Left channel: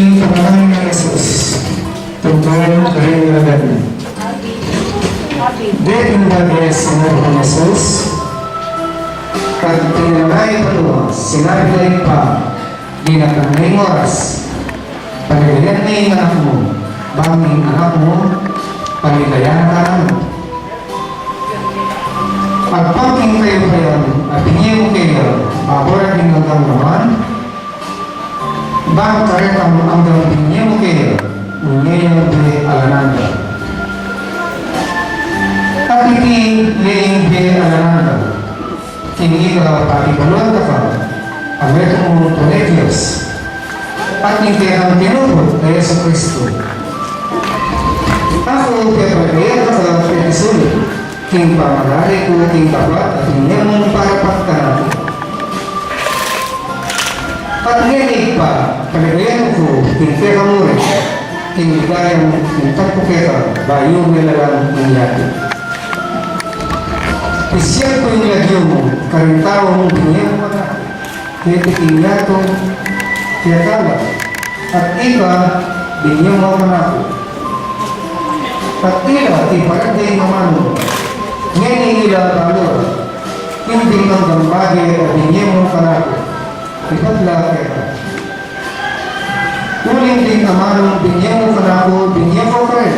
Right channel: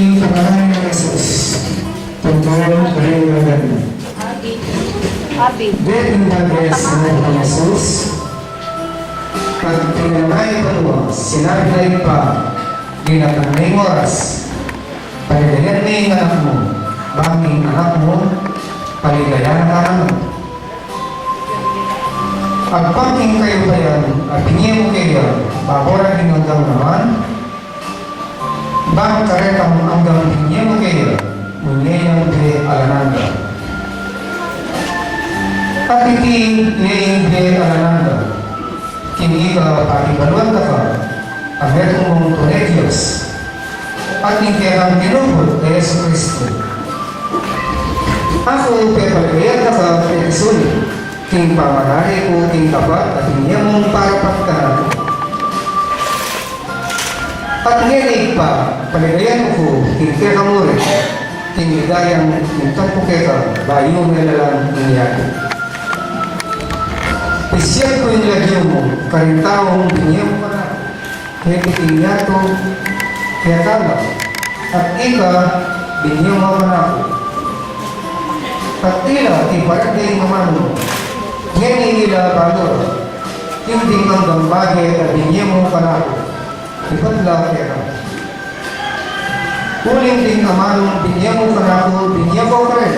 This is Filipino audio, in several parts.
King pangalan ng Jesus, tungkol kalingagan. Dito na sinabi ng Jesus, at tinanay paluwa, sinabi na pa, di na kanay oras, paligayan na yung anak mo, banging anak mo, paligayan na ano. Pagpangking kayo kayan, at hindi mo kayo, paboran din ang naman, bang karetang hanggang hindi mo kayo, ngayon di alananda. At hindi di alananda, kini ka pakigaluan ka pa, ang metong mong tunay Diyos, at hindi ang tinubod na Yesu Cristo. Ako, kaya pagkayan ka pa, kaya isulit, king pamanari ko, king tapat, at hindi mong parapat ka natin. At ngayon pa, paligayan ko, king kaya mo rin, king ligayang, king tapo kaya, bayo mo na lang iniyati. Isyal ko yung lagyo mo, karintawa mong biniyang mo na, kaya titingyato, kaya kala, at ika, biniyang mo na ako. At ila, iparagay mamano mo, ngayon ila kalor, hindi kang bagay at biniyang mo ka na ako, ipatla kaya. Tuling din mamano, biniyang mo ka na ako, biniyang mo ka rin,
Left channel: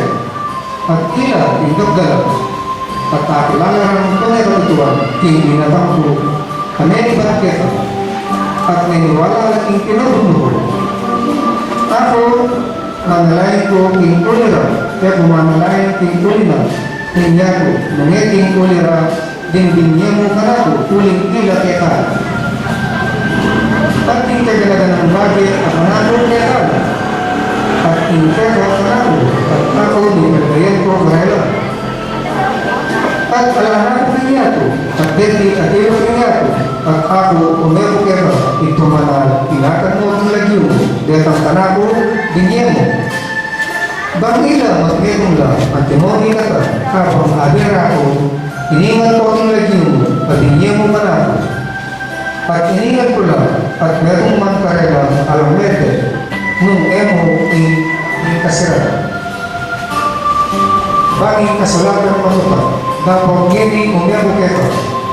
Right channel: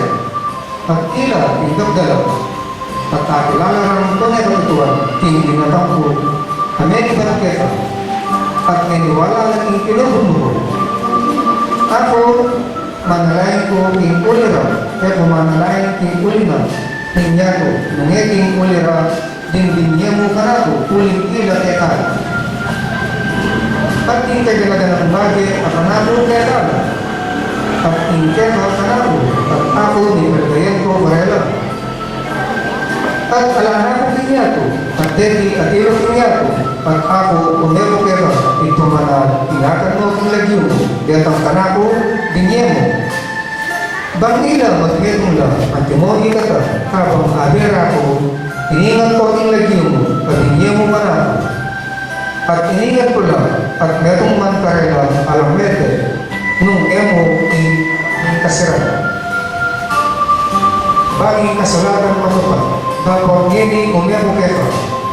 at ila, itagdalaw. At kakilala ng tunay katutuan, hindi na bangko, kami ibakita, at niniwala ng pinubog mo. Ako, manalayan ko king ulira, kaya kumanalayan king ulina, hindi ako, nangiting ulira, dindinya mo ka na ko, kuling ila kaya ka. At tingkay galaga ng bagay, at manalo kaya ka. At tingkay ka na ko, at ako, nilagayan ko kaya. At alahan ko niya ito, at deti at ilo ko niya ito, at ako umero kero, ito manal, inakan mo ang lagyo, detang kanako, dinye mo. Bangila, matbirong lang, at timoni ka ka, habang abira ko, iningan ko ang lagyo mo, at dinye mo manako. At iningan ko lang, at merong man karela, alamete, nung emo kasira. Banging kasulatan matupad, kapag hindi umiyako keto,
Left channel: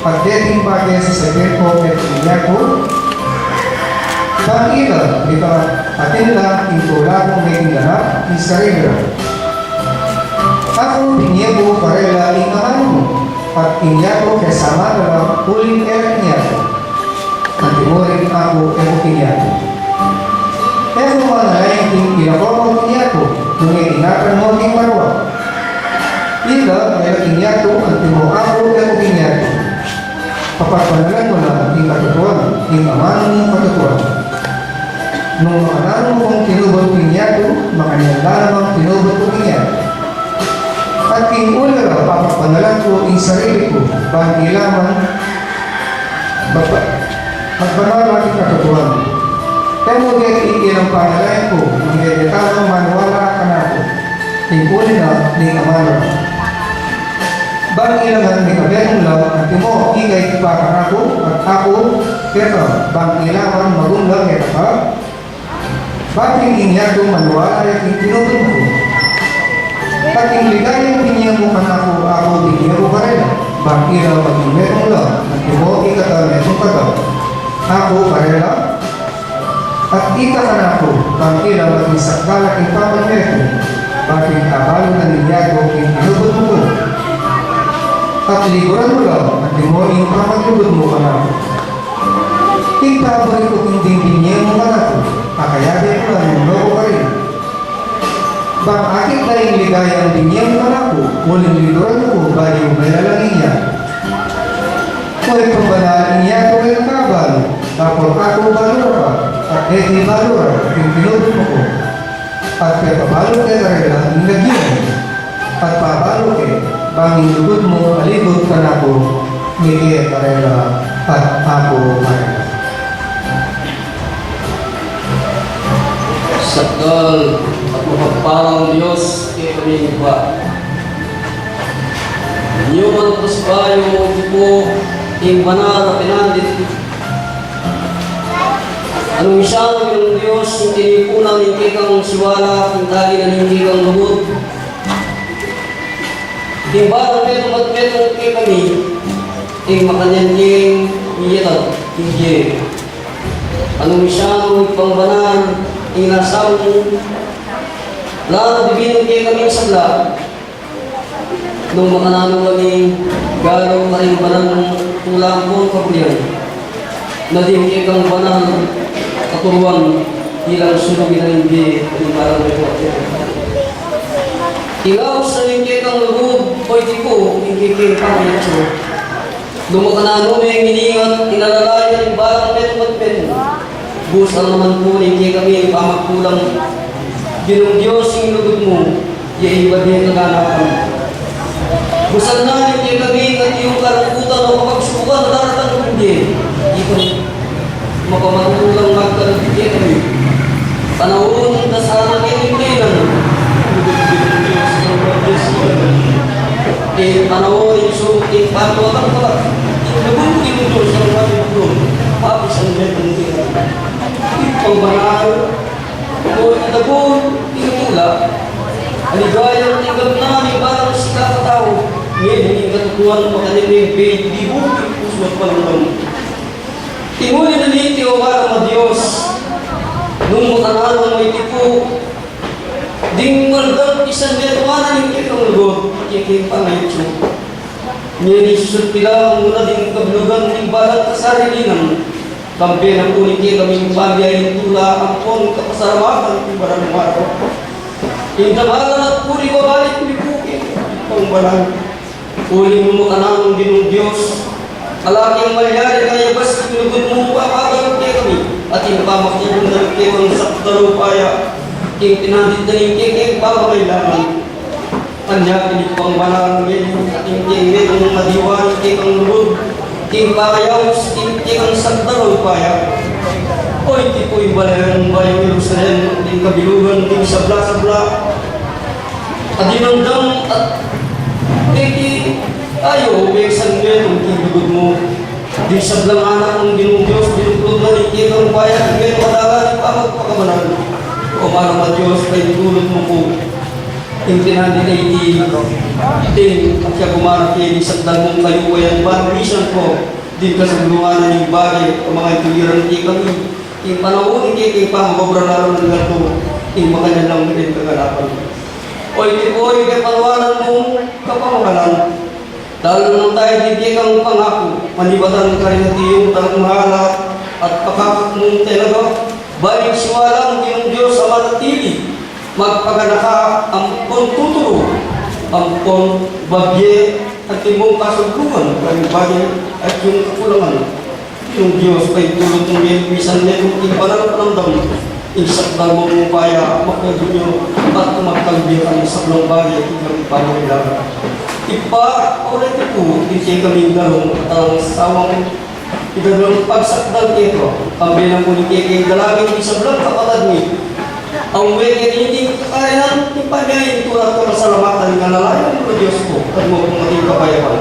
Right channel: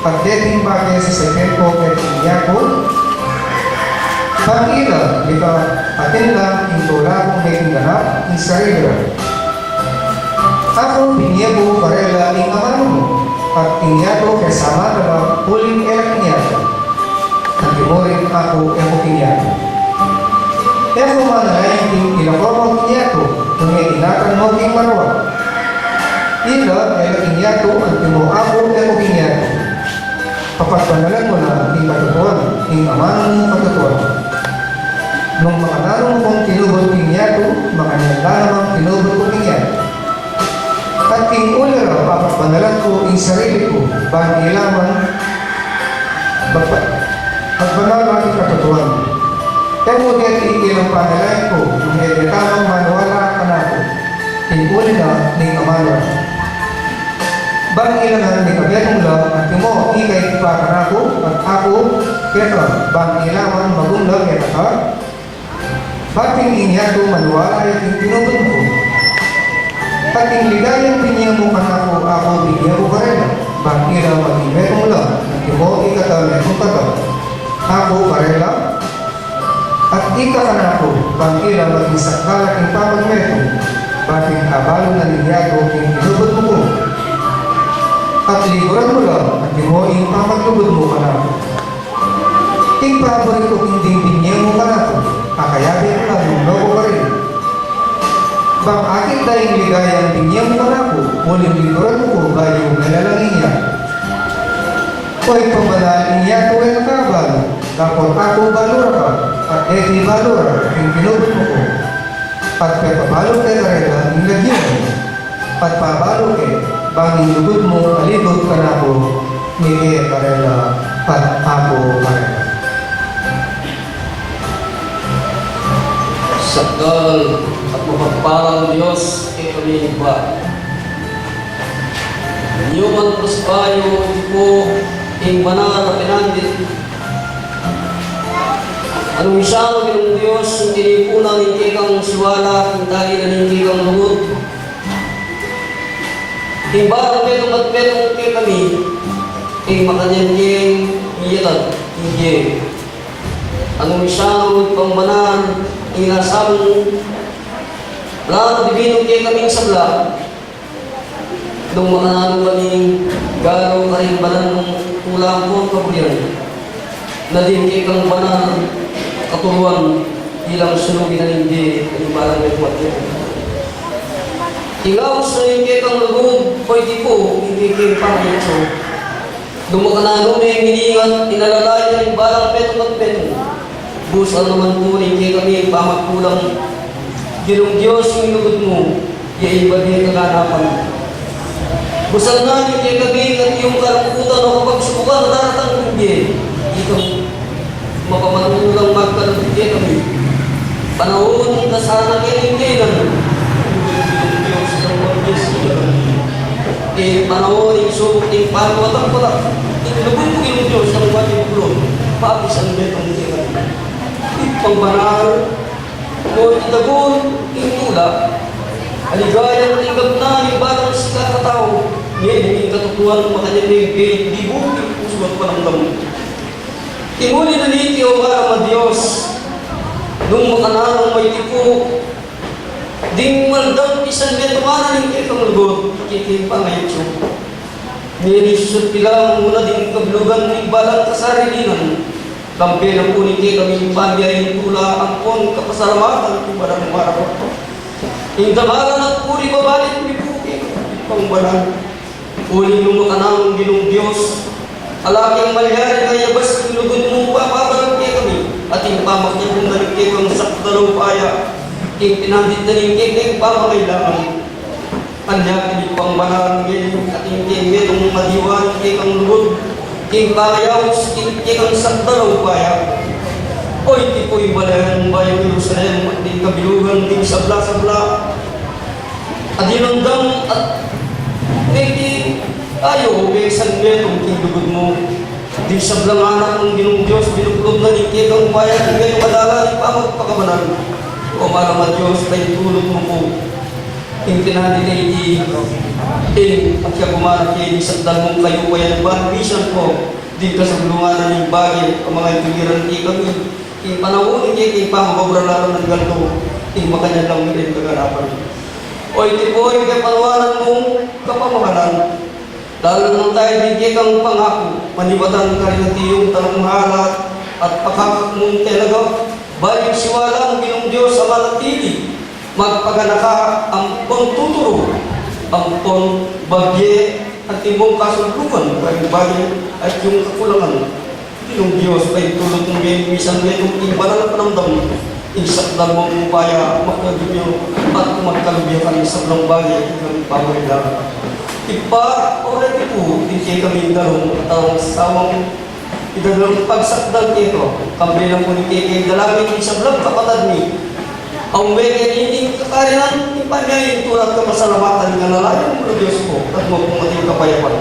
at deting bagay sa sekreto at iyako, pag-ila, di ba, atin lang, intula kong may ganap, isarila. Ako, pinyego, parela, ingahan mo, at inyako kasama na lang, huling elak niyako. At timurin ako, emo kinyako. Emo manalayin king ilabawang kinyako, kung itinakan mo king marwa. Ila, elaking yato, ang timo ako, emo kinyako. Papagpanalan mo na ang katutuan, ang amanong mong katutuan. Nung makananong kong tinubod kinyako, makanyalan namang tinubod ko kinyako. At king ulera, papagpanalan ko ang sarili ko, bahan ilaman, pagpanalan ang katutuan. Kaya mo gaya iilang panalayan ko, nung edetano manuwala ka na ako, king ulera, ning amanong. Bang ilangan ni kabilang lang at mo ikay para ako at ako pero bang ilangan magunggal kaya ka bating inyado manuwala at tinubin ko pating ligayang pinya mo ako bigyan ko rin bang ilang pag-imetong lang at mo ikatalay mo kata ako parela at ikakanako bang ilang mag-isakala king pamagmeto bating abalo na linyado king tinubin mo ko at liguran mo lang at di mo yung pamaglugod mo ka na ako. Ipabalik ko kung dibinye mo ka na ako, kakayagin mo lang yung logo ka rin. Bang akit tayong ligayang binye mo ka na ako, muling liguran mo ko bayo may lalangin niya. Ko'y pambalaan niya ko'y nakabal, tapos ako balura ka, at eti balura, yung pinubot mo ko. At pepabalo kayo karela, yung lagyan, at pabalo kayo. Banging lugod mo, alibot ka na ko, mili karela, at ako karela. Sakal at mapagparang Diyos kay aming ba. Inyo man kusbayo ko, ing banal na pinandit. Anong isang ng Diyos, yung tinipunan ng kikang siwala, yung tali na ng kikang lubot. Yung barang petong at petong kikami, yung makanyan king iyalag, yung anong isang pangbanan, yung nasang lahat bibinong kikami sa bla, nung makananong kaming galaw ka rin banan ng tulang po kabuyan, na din kikang banan katuruan bilang sunugin na hindi ang balang may kuwatya. Ikaw sa hindi kang lugod, pwede ko, hindi kayo pangitso. Dumakanano na yung hiningat, inalalayan yung balang peto. Busan naman po, hindi kami pamagkulang. Ginong Diyos yung lugod mo, yung iba din kaganapan. Busan na hindi kami at yung kalangkutan o kapagsubukan na daratang hindi. Ikaw, mapamatulang magkalagigit kami. Panahon na sana kayo hindi lang. Panahon yung subok yung pangkawatang pala. Nabubugin ng Diyos ang pati ng Diyos. Pagis ang betong tingin. Pangbanal. Kung itabon, tinutula. Aligayang tingag namin parang sa kakatao. Ngayon, hindi katutuan ng makalilig. Di bukit pusuat palang damo. Tinguli na niti o para Diyos, nung makananong may tipo, ding maldang isang betumanan ng kikang lugot, kiking pangayotso. Ngayon isusot pilang muna din kablugan ng balang kasarilinan, kampi ng kuniti kaming pambiyayin tula ang pon kapasaramatan ng barang maraw. Yung tamaran at puri babalik ni Puki, pang barang, uli mo makananong ginong Diyos, alaking malyari kaya bas tinugod mo papagang kami at yung pamakibong na nagkewang sakdaro paya yung pinandit na yung kekeng pamakailangan kanya pinipang banal ngayon at yung kekeng madiwan kekang lubod king pakayaws kekang sakdaro paya o iti po yung balayang bayang Jerusalem at yung kabilugan yung sabla-sabla at dinandang at keki ayaw, may isang ngayon kung kinugod mo. Di sa blanganan ng ginong Diyos, binuglog na nikit ang bayan, ngayon madala ni pamagpakabanan. O marama Diyos, kay tulot mo po. Yung tinandi na iti, ting, at siya gumaraki, isagdan mong kayo kayan, banisan ko, di ka sa bulunganan ng bagay, ang mga ituliran ni kami. Yung panahon, yung pamagpabranaran ng ganto, yung makanya lang din kaganapan. O iti po, yung kapanuanan mong kapamakalan, dahil nang tayo hindi kang pangako, manibatan ka rin at iyong tanong halat at pakakak mong talaga, balik siwalang iyong Diyos sa manatili, magpaganaka ang kontuturo, ang bagye at imong kasugluhan, kaya bagay at yung kakulangan. Yung Diyos ay tulot ng bisan ngayon, ibanal panamdam, isakdal mo mong kaya, makagod nyo at magkalbihan sa mga bagay at yung pamaglaga. Ipa, already po, hindi kami darong ang sawang idalong pagsakdal ito. Kami lang po ni Keke, dalagin isang lang kapatad ni. Ang weke hindi kakarinan, ipagay, tulad ka masalamatan nga nalayan ng Diyos ko, at mo kung ating kapayapan.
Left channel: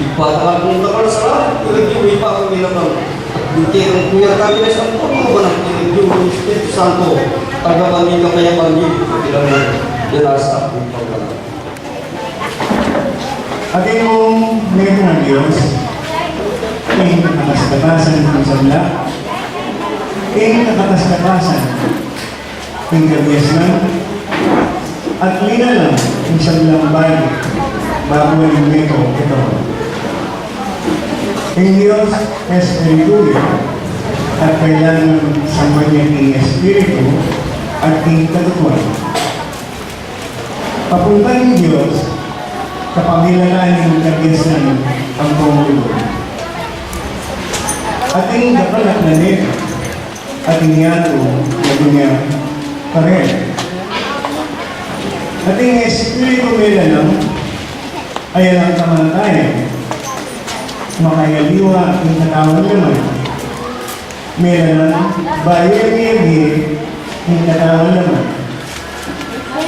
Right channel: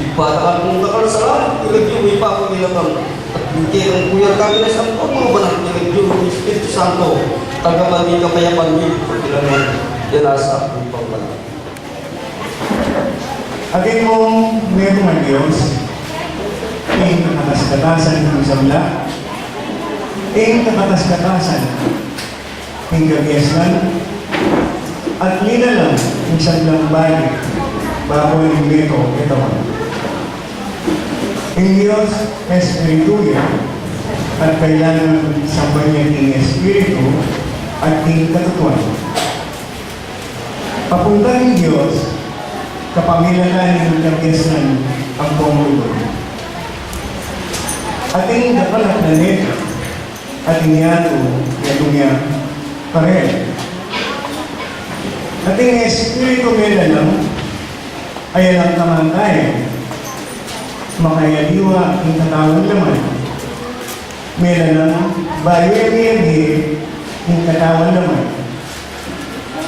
Ipa, kung kakalasalan, ilag yung ipa kami lang. Hindi ang kuya kami na isang po, mga banang ilag yung Espiritu Santo, taga kami kapayapan yun, bilang yan nasa aking pagkakas. Aking mong meron ng Diyos, ing nakatasgatasan ng sabla, ing nakatasgatasan ng gabiasman, at linalang ng sablang bali bago ng mito ito. Ang Diyos Espiritu at kailangan sa kanyang Espiritu at ing katutuan. Papunta ng Diyos kapamilangan ng kagiyasan ang pangulugan. Ating dapalat na nito, ating yato na dunya pareho. Ating Espiritu melanang ay ang kamantayan, makayaliwa ang katawan naman. Melanang bayari-yari ang katawan naman.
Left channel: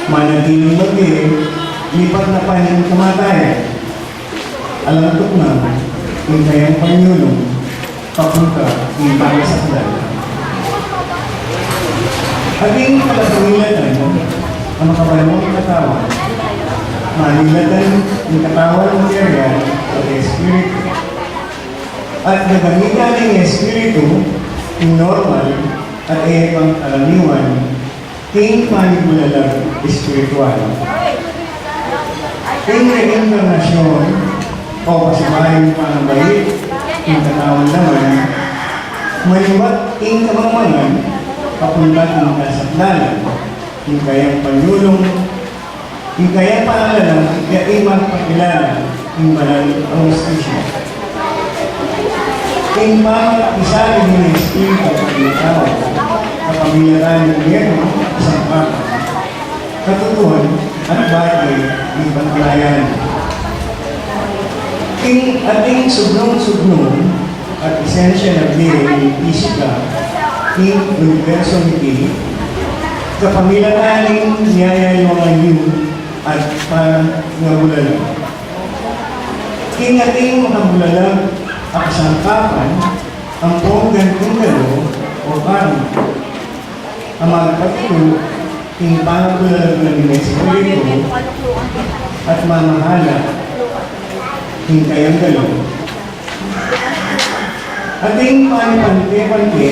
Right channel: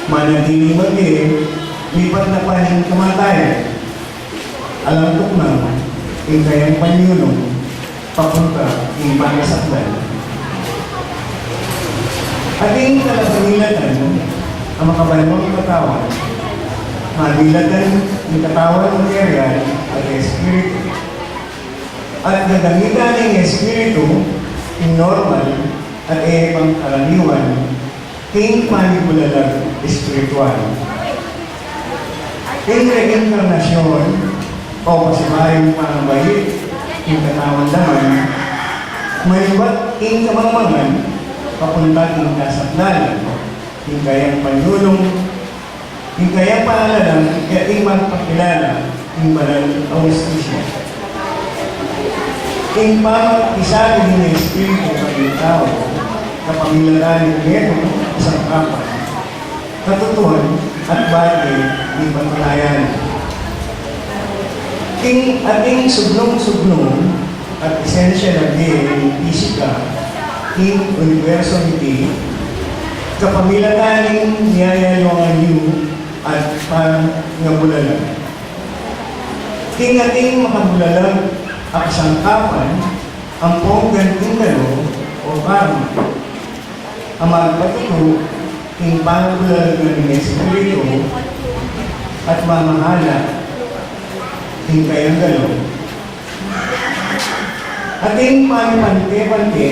Manatiling bagay, lipat na paning kamatayan. Alam ko na, yung kayang panyulong, papunta yung pangasakdal. Ating kalapangilatan ang makabalawang katawan, manilatan ng katawan ng material at espiritu. At nagamitan ng espiritu, yung normal at pang karaniwan, ting manipulalag espiritual. Ting reinkarnasyon o pasimayong pangabayit, yung katawan naman, maliwat ting kamangmangan, papunta ng kasaglalan, yung kayang panulong, yung kayang paalalang, kaya imang pakilala, yung banal ang justisya. Yung pamag-isa din ng espiritu ng tao, kapamilaran ng gobyerno, isang kapal, katutuhan at bagay ng pangkalayan. King ating sugnong-sugnong at esensya ng ng fisika, king universo niti, kapamilataning niyayayawang yun at pangabulalang. King ating makabulalang ang kasangkapan, ang ponggan tindalo o parang ang magpatuto, king pangabulalang ng espiritu at mamahala, king kayang galo. Ating panipante-pante,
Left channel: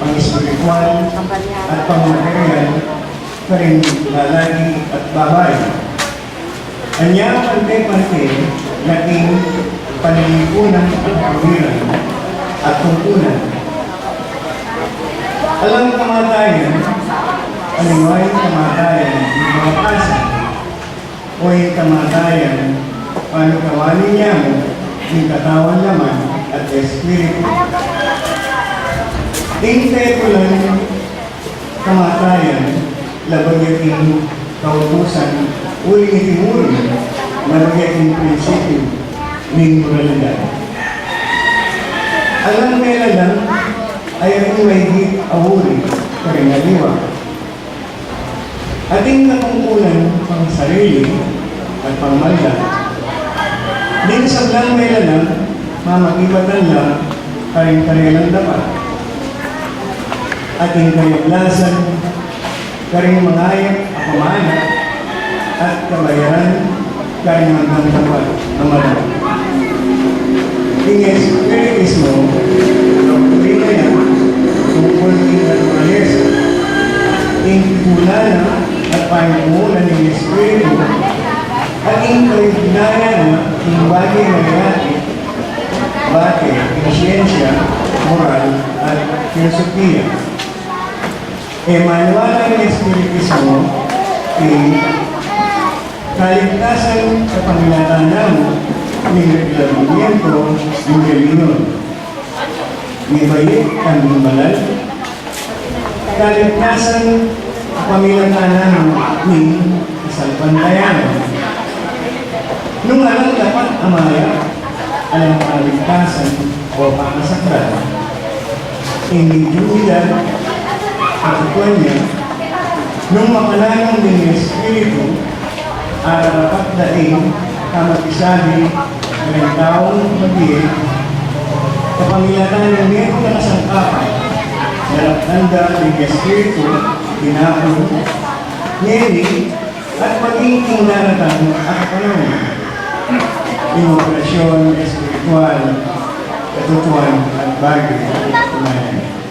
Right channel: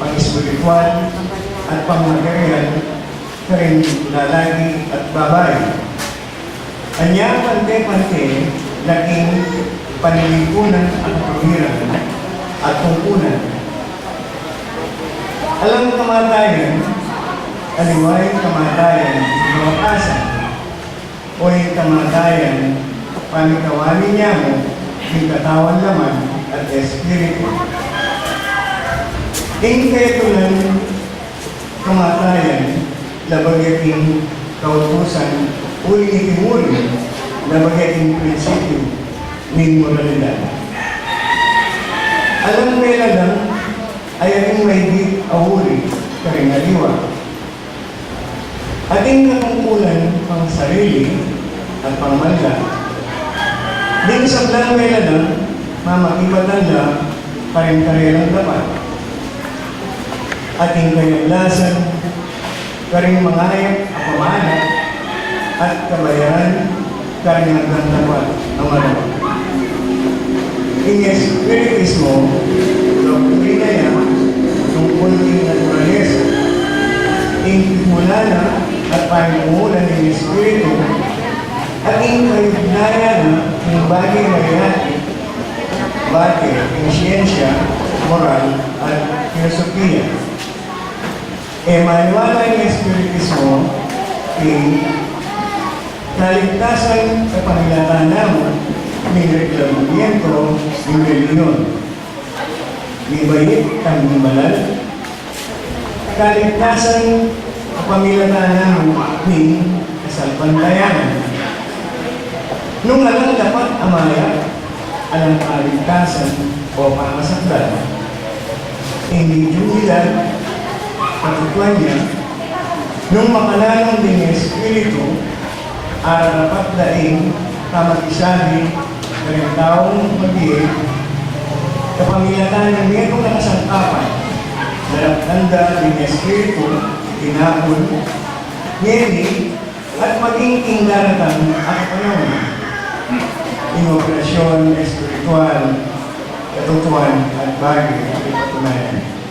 pang-espiritual at pang-material, pa rin lalaki at babae. Anyang pante-pante, laking panilipunan at pamiran at tungkunan. Alang kamatayan, aliway kamatayan, mawakasan, o yung kamatayan, panikawali niya mo, yung katawan laman at espiritu. Ingketulan kamatayan, labagating kautusan, uli-itimuri, labagating prinsipyo, ng moralidad. Alam nila lang ay ang may di awuri, karingaliwa. Ating natungkulan pang sarili at pangmanda. Din sa blang nila lang, mamakibatan lang, karing-karilang dapat. Ating kayablasan, karing mangayap, apamana, at kabayaran, karing magdandapat na malaw. King Espiritismo, doktrina niya, tungkol king naturalesa, king timulan at pangumulan ng Espiritu, at king kalignayan ng bagay na reality, bagay, king siyensya, moral, at filosofiya. Maniwala ng Espiritismo, king kaligtasan kapamilatana mo, ng reglamento ng reliyon. May bayit kang balal, kaligtasan kapamilatana mo ng kasalpantayanan. Nung alang dapat amaya, alang kaligtasan o pangasakdan, hindi humilad at ituan niya, nung makalanong ng Espiritu, dapat daing kamag-isahin ng taong mag-iig, kapamilatan ng nito na kasangkapan, dalagtanda ng Espiritu, tinapon, ngeni, at maging tingdaratan at panahon. Inoperasyon, espiritual, katutuan at bagay at katunayan.